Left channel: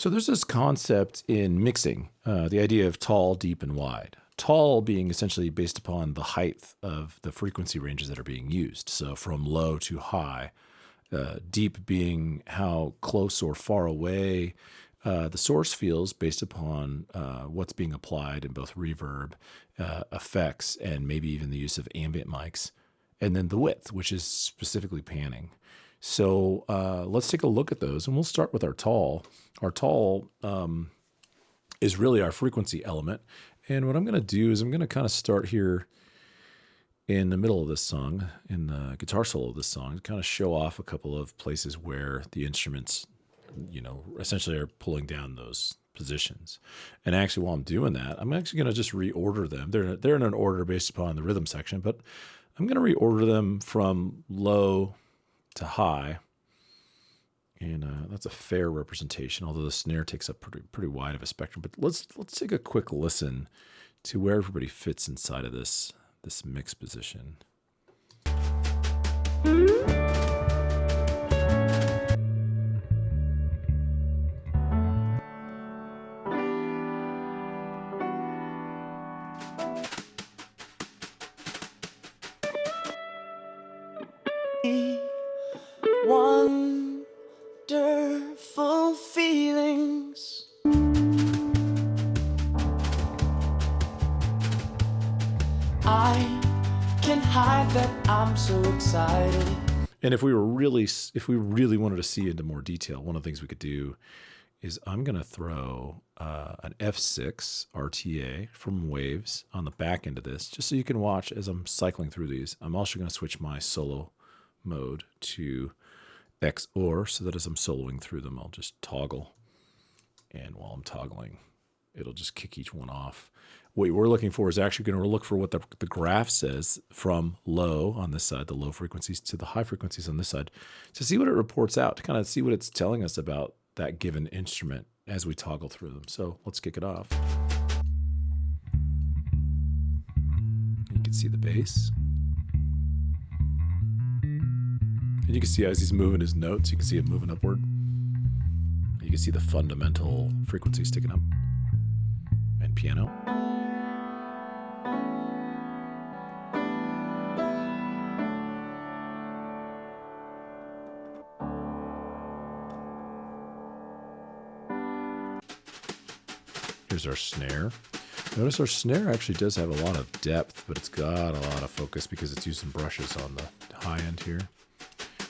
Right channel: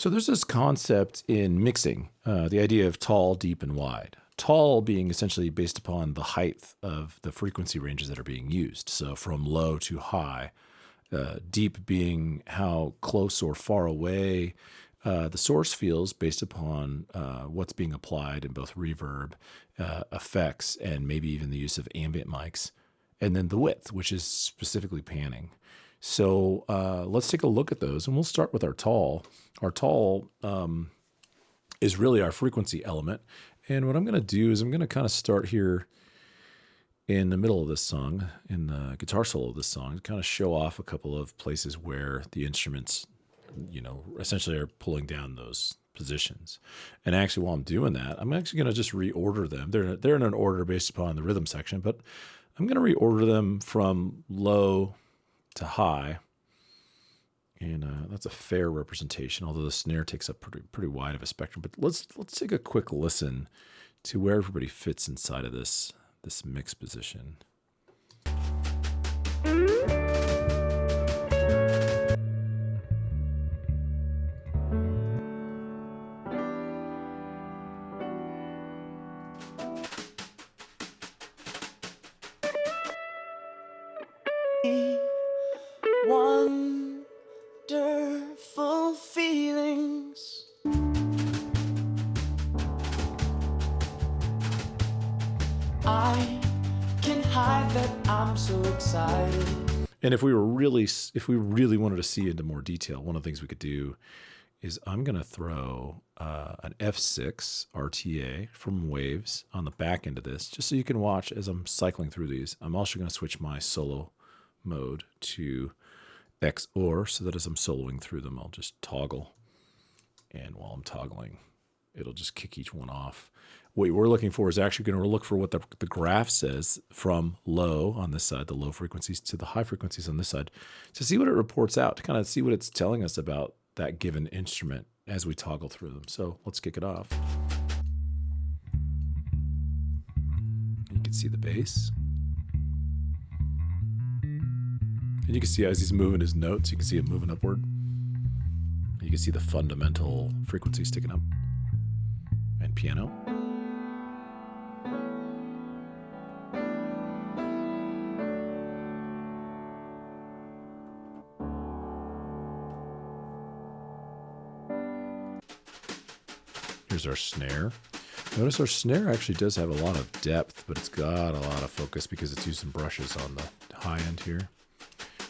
So there's this concept in mixing, the idea of tall, deep, and wide. Tall being essentially based upon the height of the frequency ranges that are being used. So from low to high. Deep being how close or far away the source feels based upon what's being applied in both reverb, effects, and maybe even the use of ambient mics. And then the width, which is specifically panning. So let's take a look at those, and we'll start with our tall. Our tall is really our frequency element. And what I'm going to do is I'm going to kind of start here in the middle of this song, in the guitar solo of this song, to kind of show off a couple of places where the instruments, essentially are pulling down those positions. And actually, while I'm doing that, I'm actually going to just reorder them. They're in an order based upon the rhythm section, but I'm going to reorder them from low to high. And that's a fair representation, although the snare takes up pretty wide of a spectrum. But let's take a quick listen to where everybody fits inside of this mix position. Wonderful feelings. I can hide that I'm so excited. And if we really wanted to see into more detail, one of the things we could do is I'm going to throw an F6 RTA from Waves on the back end of this, just so you can watch as I'm cycling through these. I'm also going to switch my solo mode to XOR so that as I'm soloing through them, I'll just toggle. And while I'm toggling, it'll just kick each one off. What we're looking for is actually going to look for what the graph says from low on this side, the low frequencies, to the high frequencies on this side, to see what it reports out, to kind of see what it's telling us about that given instrument as we toggle through them. So let's kick it off. You can see the bass. And you can see as he's moving his notes, you can see him moving upward. You can see the fundamental frequency sticking up. And piano. Here's our snare. Notice our snare actually does have a lot of depth, but it's got a lot of focus because it's using brushes on the high end here.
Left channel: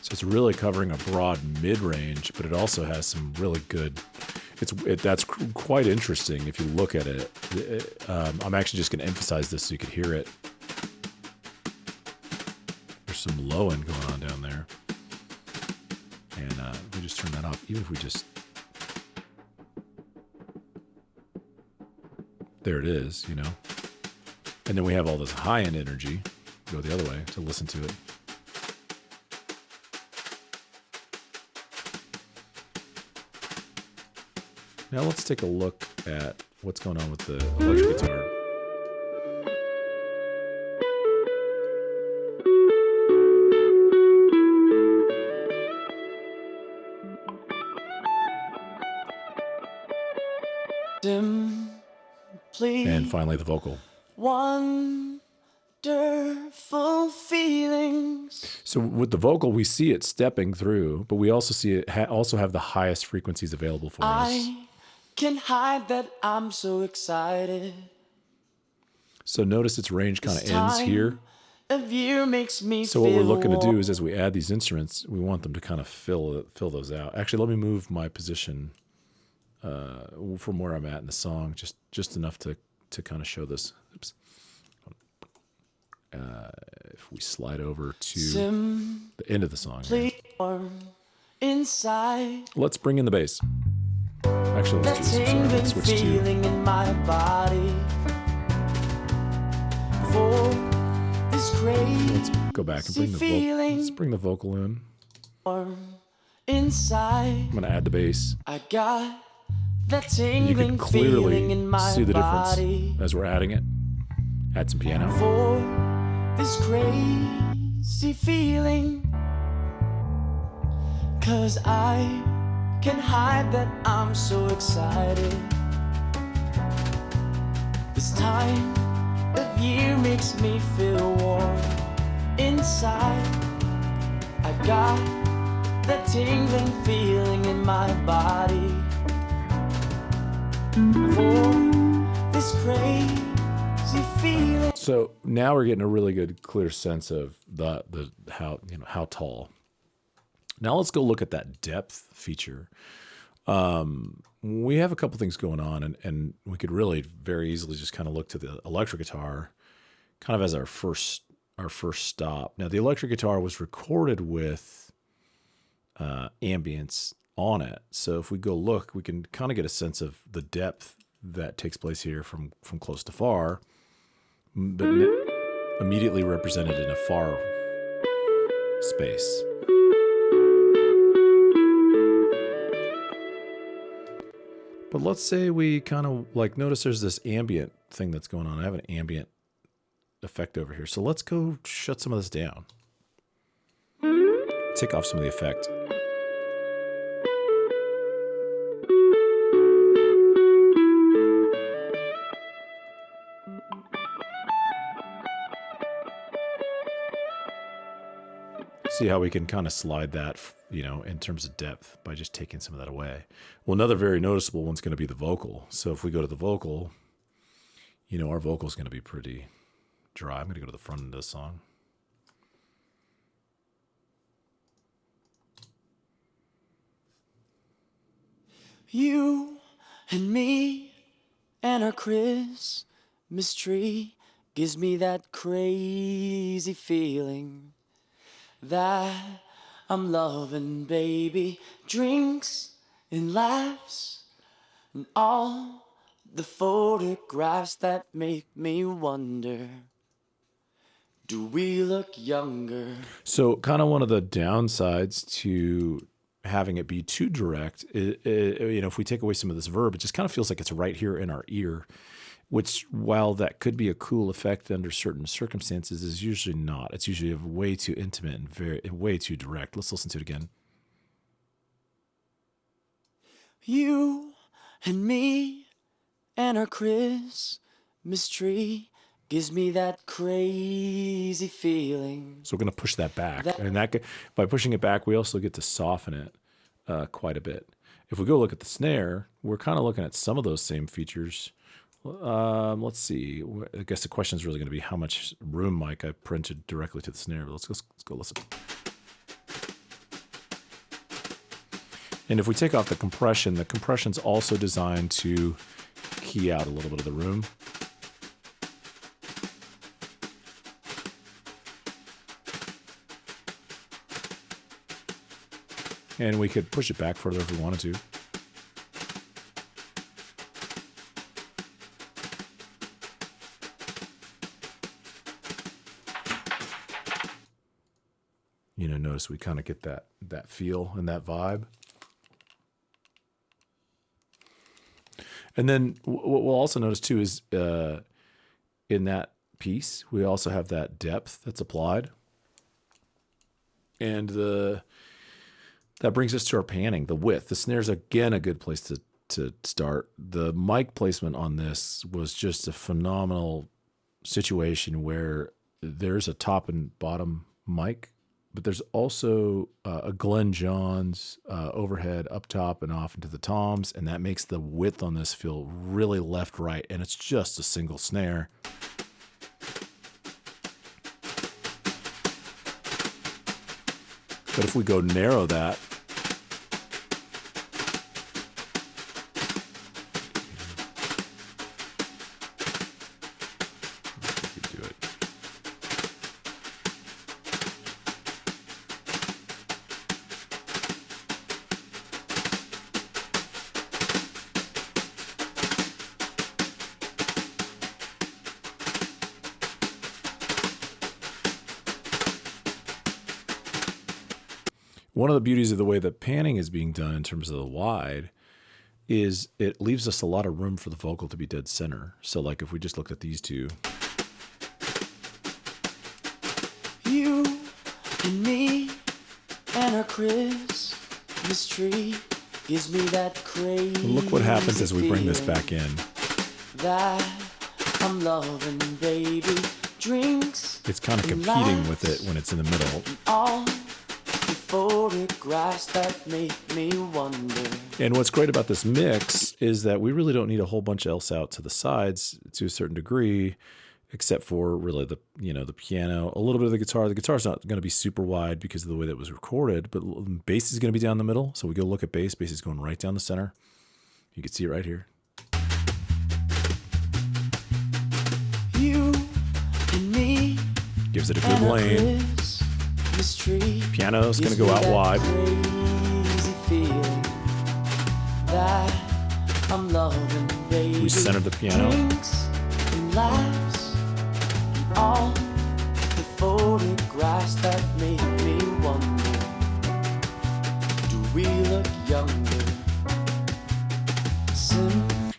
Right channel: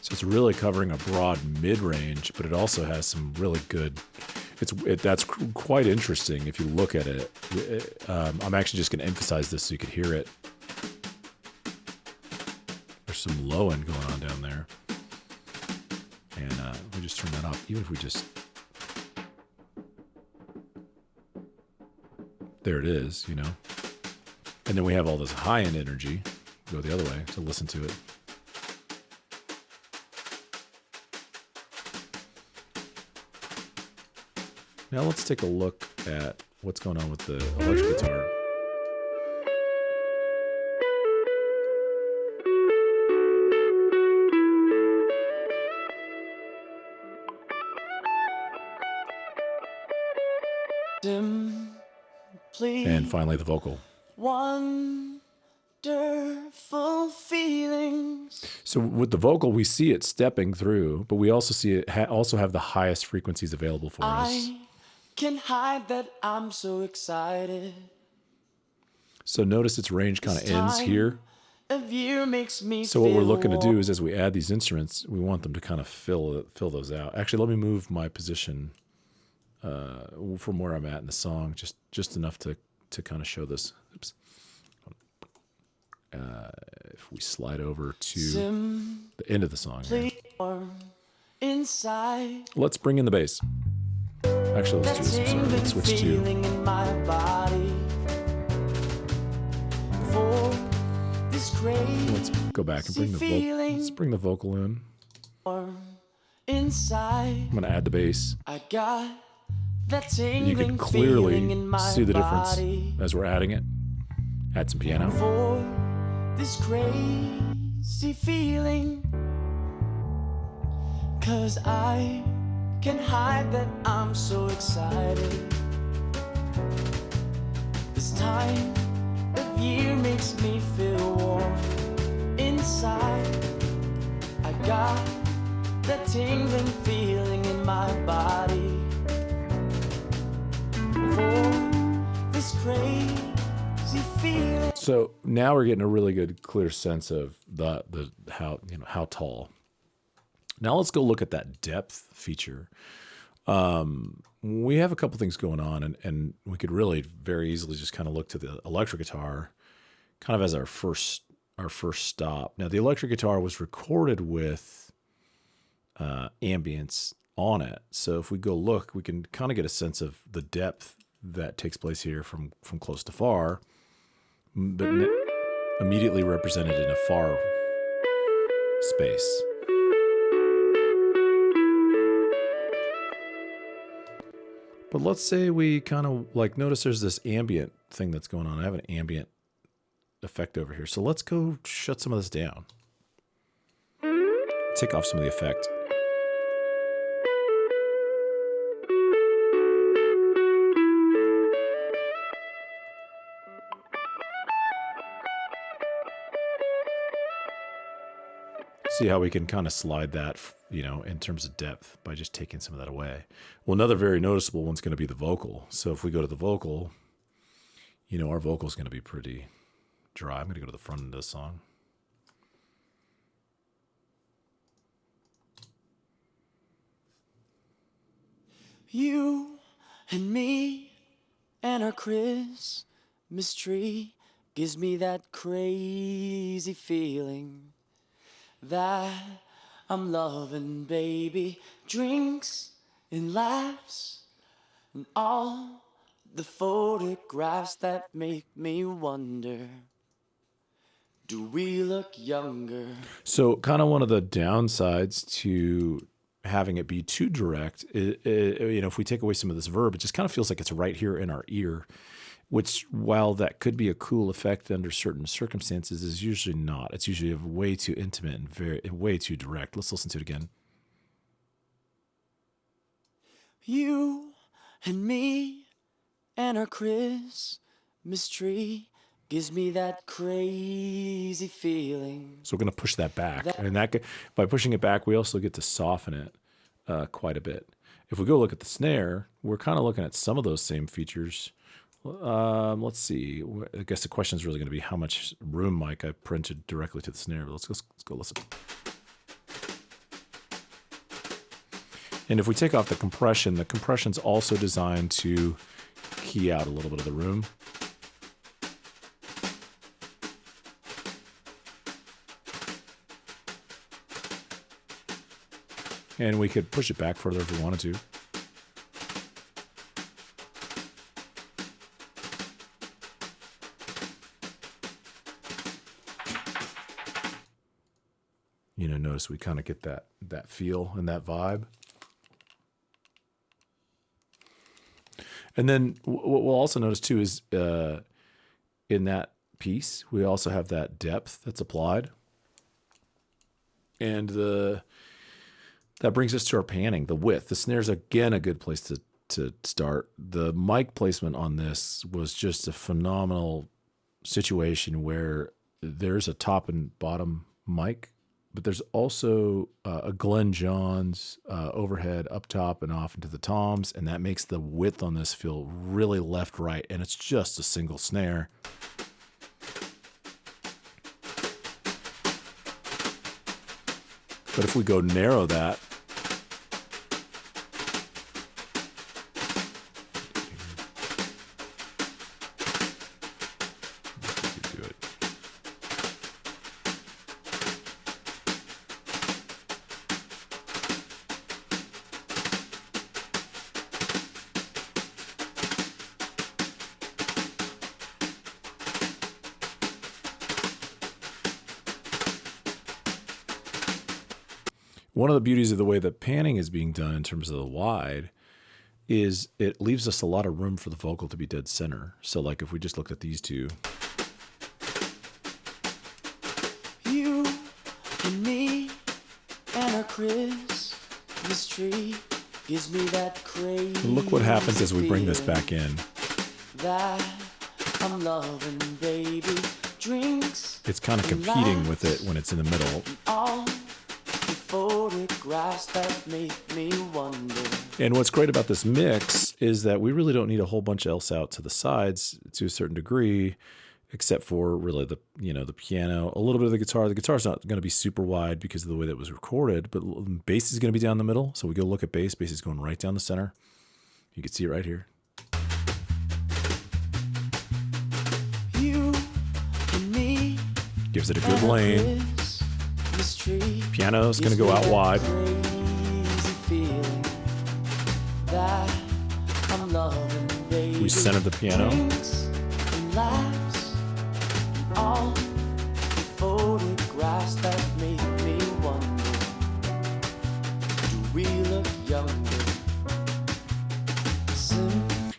So it's really covering a broad mid-range, but it also has some really good, that's quite interesting if you look at it. I'm actually just going to emphasize this so you could hear it. There's some low end going on down there. And if we just turn that off, even if we just, there it is, And then we have all this high end energy, go the other way to listen to it. Now let's take a look at what's going on with the electric guitar. And finally the vocal. So with the vocal, we see it stepping through, but we also see it also have the highest frequencies available for us. Can hide that I'm so excited. So notice its range kind of ends here. So what we're looking to do is as we add these instruments, we want them to kind of fill those out. Actually, let me move my position from where I'm at in the song, just enough to kind of show this. Oops. If we slide over to the end of the song here. Let's bring in the bass. Actually, let's do this. I'm sorry. Let's switch to. Let's go back and bring the vocal. Let's bring the vocal in. I'm going to add the bass. And you can clearly see the difference as we're adding it. Add some piano. This crazy feeling. So now we're getting a really good, clear sense of the how tall. Now let's go look at that depth feature. We have a couple things going on, and we could really very easily just kind of look to the electric guitar, kind of as our first stop. Now the electric guitar was recorded with ambience on it, so if we go look, we can kind of get a sense of the depth that takes place here from close to far, but immediately represented in a far space. But let's say we kind of like notice there's this ambient thing that's going on. I have an ambient effect over here. So let's go shut some of this down. Take off some of the effect. See how we can kind of slide that, in terms of depth by just taking some of that away. Well, another very noticeable one's going to be the vocal. So if we go to the vocal, our vocal is going to be pretty dry. I'm going to go to the front of this song. You and me and a Christmas tree gives me that crazy feeling that I'm loving, baby. Drinks and laughs and all the photographs that make me wonder, do we look younger? So kind of one of the downsides to having it be too direct, if we take away some of this verb, it just kind of feels like it's right here in our ear, which, while that could be a cool effect under certain circumstances, is usually not. It's usually way too intimate and way too direct. Let's listen to it again. You and me and our Christmas tree gives me that crazy feeling. So we're going to push that back. And by pushing it back, we also get to soften it quite a bit. If we go look at the snare, we're kind of looking at some of those same features. Let's see. I guess the question is really going to be how much room mic I printed directly to the snare. Let's go listen. And if we take off the compression's also designed to key out a little bit of the room. And we could push it back further if we wanted to. Notice we kind of get that feel and that vibe. And then what we'll also notice too is in that piece, we also have that depth that's applied. And that brings us to our panning, the width. The snare's, again, a good place to start. The mic placement on this was just a phenomenal situation where there's a top and bottom mic, but there's also a Glenn Johns overhead up top and off into the toms, and that makes the width on this feel really left-right, and it's just a single snare. But if we go narrow that, if we could do it. One of the beauties of the way that panning is being done in terms of the wide is it leaves us a lot of room for the vocal to be dead center. So like if we just looked at these two. You and me and a Christmas tree gives me that crazy Look what happens as we bring this back in. that I'm loving, baby. Drinks It's kind of competing with it when it's in the middle. all the photographs that make me wonder. And what's great about this mix is that we really don't need a whole bunch else out to the sides to a certain degree, except for really the piano, a little bit of the guitar. The guitar's not going to be super wide because of the way that it was recorded, but bass is going to be down the middle. So we go look at bass. Bass is going right down the center. You can see it right here. Gives it a good lane. Piano is going to go out wide. We centered the piano.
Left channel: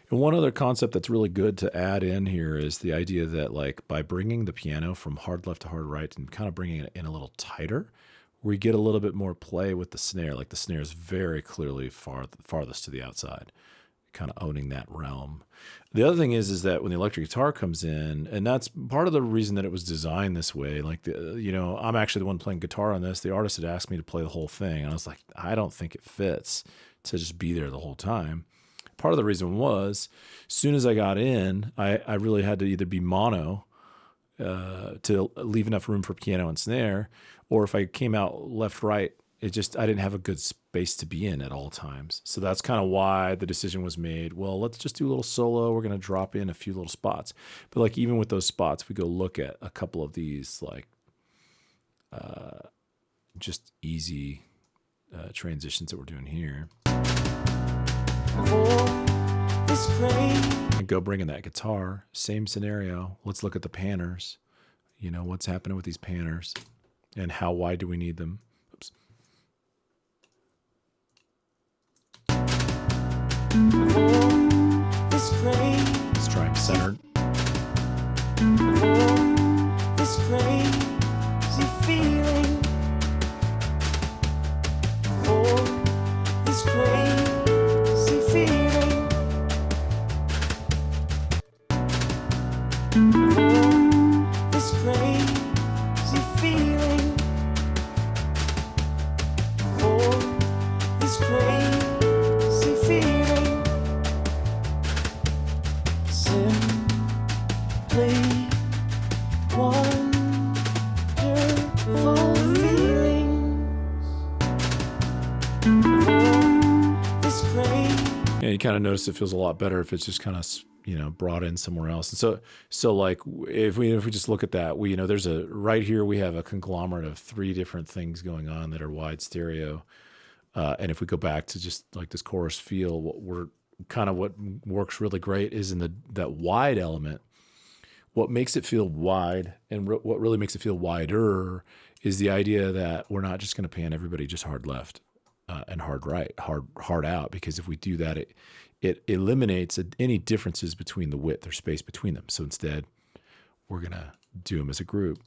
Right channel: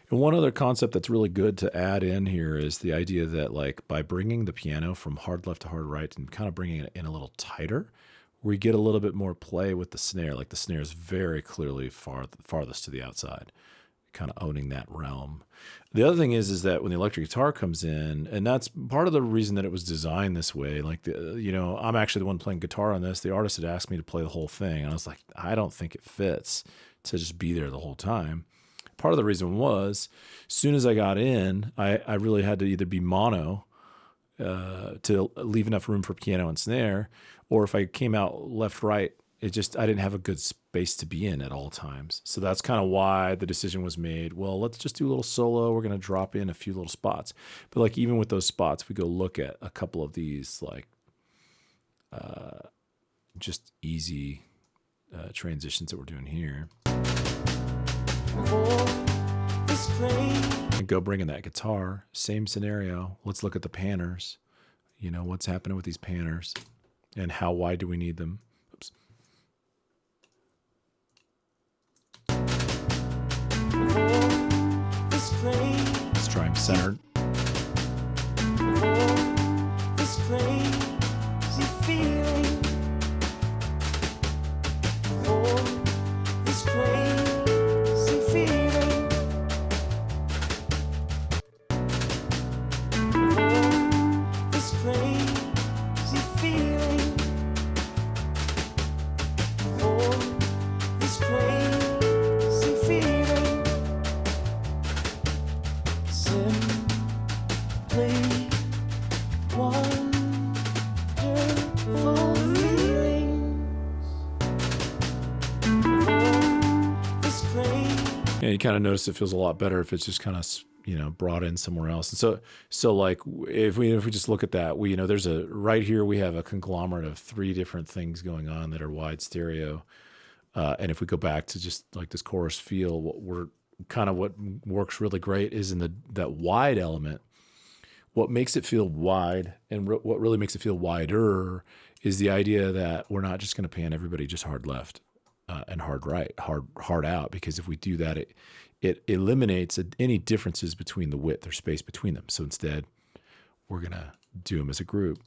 And one other concept that's really good to add in here is the idea that, like, by bringing the piano from hard left to hard right and kind of bringing it in a little tighter, we get a little bit more play with the snare. Like, the snare is very clearly farthest to the outside, kind of owning that realm. The other thing is that when the electric guitar comes in, and that's part of the reason that it was designed this way. Like, I'm actually the one playing guitar on this. The artist had asked me to play the whole thing, and I was like, I don't think it fits to just be there the whole time. Part of the reason was, as soon as I got in, I really had to either be mono to leave enough room for piano and snare, or if I came out left, right, I didn't have a good space to be in at all times. So that's kind of why the decision was made. Well, let's just do a little solo. We're going to drop in a few little spots. But like, even with those spots, we go look at a couple of these, like, just easy transitions that we're doing here. And go bring in that guitar. Same scenario. Let's look at the panners. What's happening with these panners and how wide do we need them? Oops. Let's try them centered. Yeah, you kind of notice it feels a lot better if it's just kind of brought in somewhere else. And so like, if we just look at that, there's right here we have a conglomerate of 3 different things going on that are wide stereo. And if we go back to just like this chorus feel, what works really great is in that wide element. What makes it feel wide and what really makes it feel wider is the idea that we're not just going to pan everybody just hard left and hard right, hard out, because if we do that, it eliminates any differences between the width or space between them. So instead, we're going to do them as a group.